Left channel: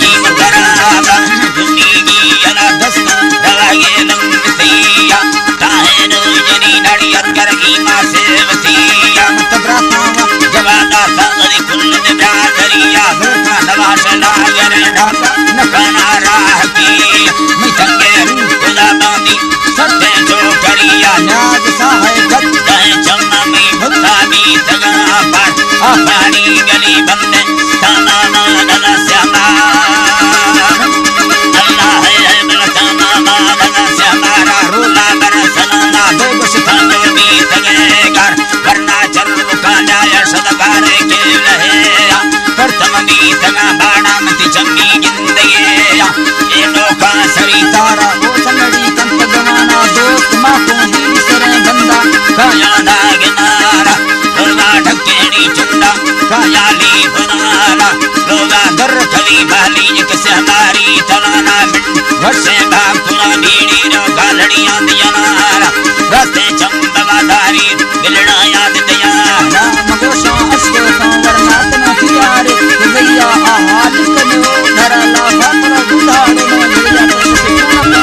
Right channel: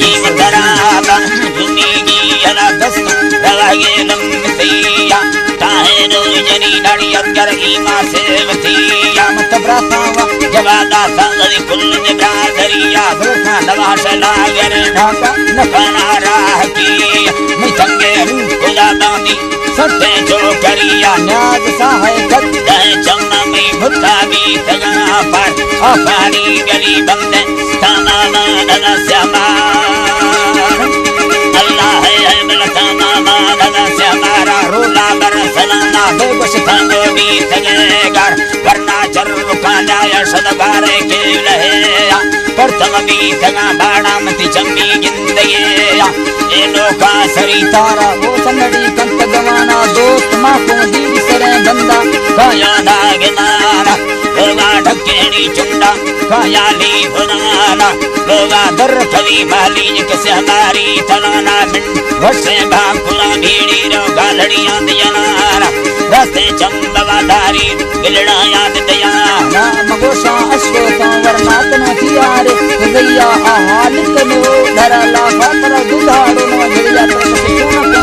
जीव तराला जुमीगी यला दस्त रवागे लम्बतिया ताहे रोजनी नाड़ी अगर ईमा सेवतिया मतब्रातावा जवादा संगरी कुल निब्रादरिया धोखा नवाश लागर ढाका नखाना राह की मिचंगे खुदा बानी सत्य जो करिया नाज साहे खत्ता है चम्मा में भुत्ता भी तगा पर अफानी गली बंदे ताना मानला श्यामा अल्लाह है मिलताना मानला श्यामारा रोला बरसलाना बेबस थांगो भी तगे घर वरना चर्व काला या सदगारे के लहे परतम भी तगा बाड़ा मति चम्मी जिंदगी ये लोका सरी तारा वो चंगड़ी कंत गवाना दोस्त माँ को हीर सरे बंदा काया नागनाना लोगा ढकेनी चुंडा काया ली बुनाना लोगा दर कली बाली किसे हमारी तलाना बिन वर्षे भाकुला भीड़ी रो गालड़ियां दियाना रास्ते चंबवादारी गिलड़ा याद दयाना मगोशा अश्व संवरना तना थियारे भैया हाल कनो धरा ला फापड़ा दुधारो न बढ़िया तरह से चुनका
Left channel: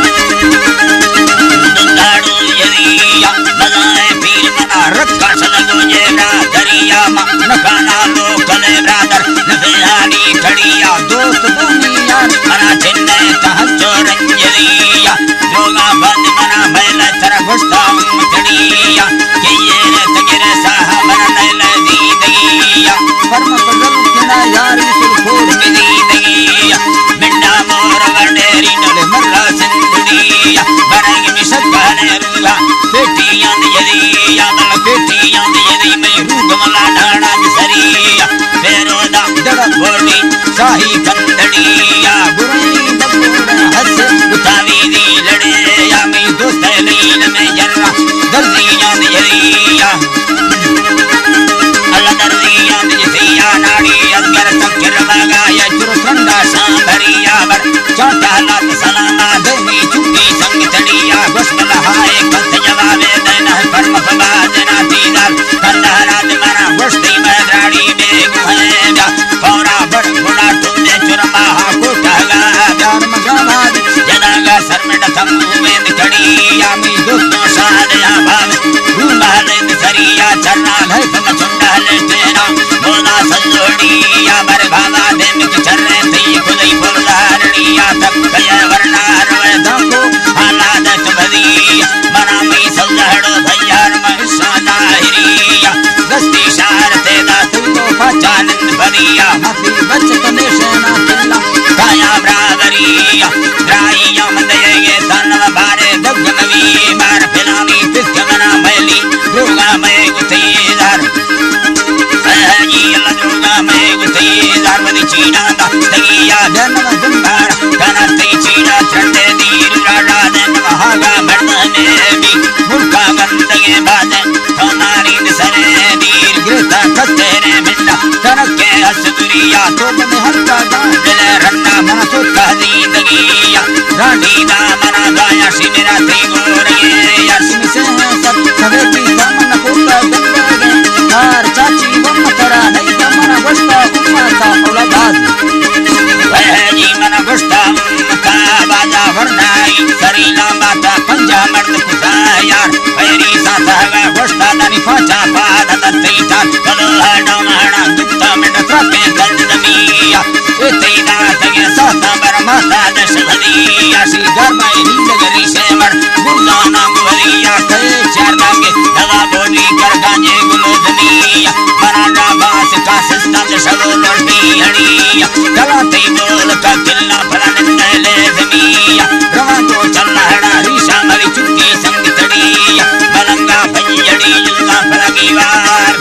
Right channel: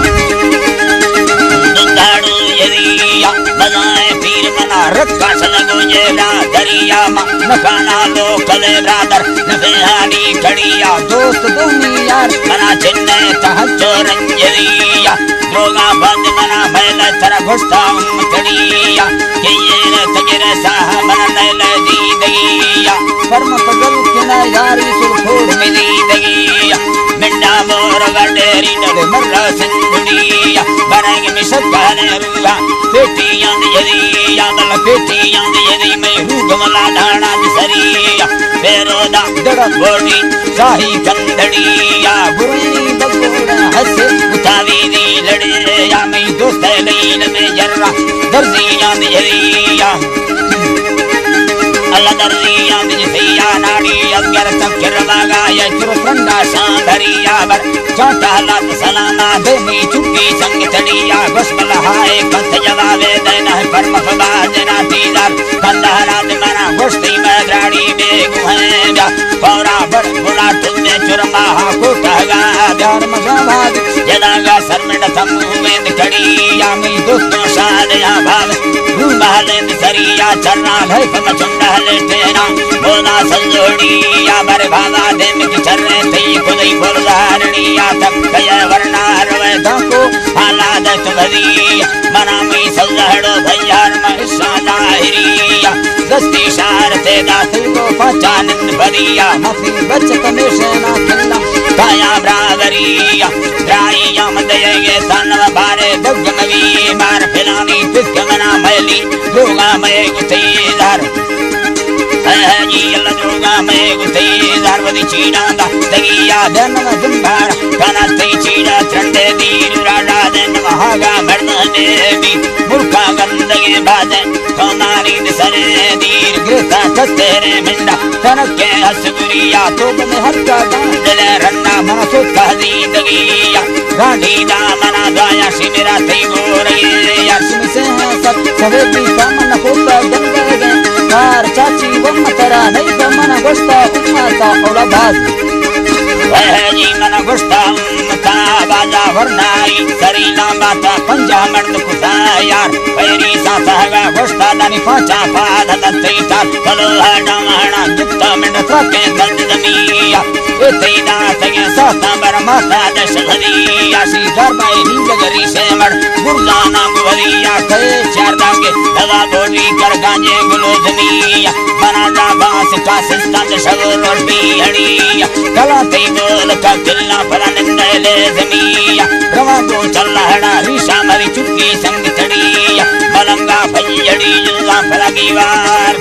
दुधारो यरिया बजाए पीर मना रखा सलगो जेरा दरिया मा नखाना लो कले ब्रादर नफेहानी खड़िया दोस्त दोनी यार मना चिन्ने तहज्जो रंजरिया लोगा बंद मना मैला तरा घुसता खड़िया के ये तगरे साहब नैल दीदिया परम पगल किना यारी सुखोड़ में दीदिया मिंडा मोर गडेरी नल मर्रा सिंधुनिया बनेग मिसकने रुवा पेटियां यदिया दल पेटियां यदि मैं रूगमला ढाणा सरिया बेरोदा जड़ बोली शाही कंदड़िया बुरई बगोड़ा हस उठावी दी लड़े या मैं दोस्त लील में जर्रा दर्दियां यदिया अल्लाह दर्दियां दिसिया नाड़ी अगर तक रवागा या चुरसंदा सांभरिया बर चौथा लात सलामा दे में चुकी संग तड़िया बसमला हाय कंत जवाबे देना कर्म फबाजना तीदार कंदहरात मना वस्ती में राड़ी बेगुहेगा पौरा बड़ बुला तुमने चुरमा को कहगा धर्म गवाद जदागा सरमण थमू में कड़िया मैं दोस्तों सादया भाव रूमालें सरिया चरना घर फम चुंडा लेटेना मोना सल्लोड़िया बर भावा देम की चरने थी खुदई बोलदारनिया तक कया वरना रवे दाको हालादत बदी मना मैं सल्लहड़ो भैयार महसा दाहिरिया दस्ती शारते दासुल को पहचानन बदिया मथी बचत निशाना किल्ला काया ब्रादरिया द्राइया मदयगे तनव बारे दुगमवी मार फिलानी पिस्कमना मैली जोगा मैं गुतेदार जी अल्लाह जोगा मैं गुतेदार वदी चीड़ा दा तगिया जन्म जुंबार कना ते चीड़ा ठंडे दीर राडा दन महागा मर्दने भी मुर्खा गंदगे बाजे कमारी दिसरे दीर गिरता कस्तेरे मिंडा कनके हसुरिया तो में हल्का दिल रन्ना मना तो तहदीदगिया रानी दा मना दाया सिमरा ते गोरे यार सिम से सब सवेती सामन कोता गंदगे कार चाची वम तरा नहीं मना गोस्ता उम्मता औलाद वह जी मना गोस्ता उम्मता बाजा वरनाई सरीना माता पंजा मर्द कुसा यार पैरी साथागा गोस्ता दानी पाचा पादा दत्तीता कलो है डामाना जित्ता मिंड त्रपे दंड दमिया इतना तगे साथा बर माता दशधरिया सी गरबाई नीलगरी से मर गुरगाना गुवरिया कहे चार दागे दवा बोली कर गांजे गुलोधनिया मना जा बास का सिस्टम शवल और बिहड़िया कलाते बोल का किल्ला फला नंदले जमिया रवा तो चल्ला हड़ा रीशा मरी चुक्की संग तड़िया मलंगा भैयड़ी जुल्ला फला कीवार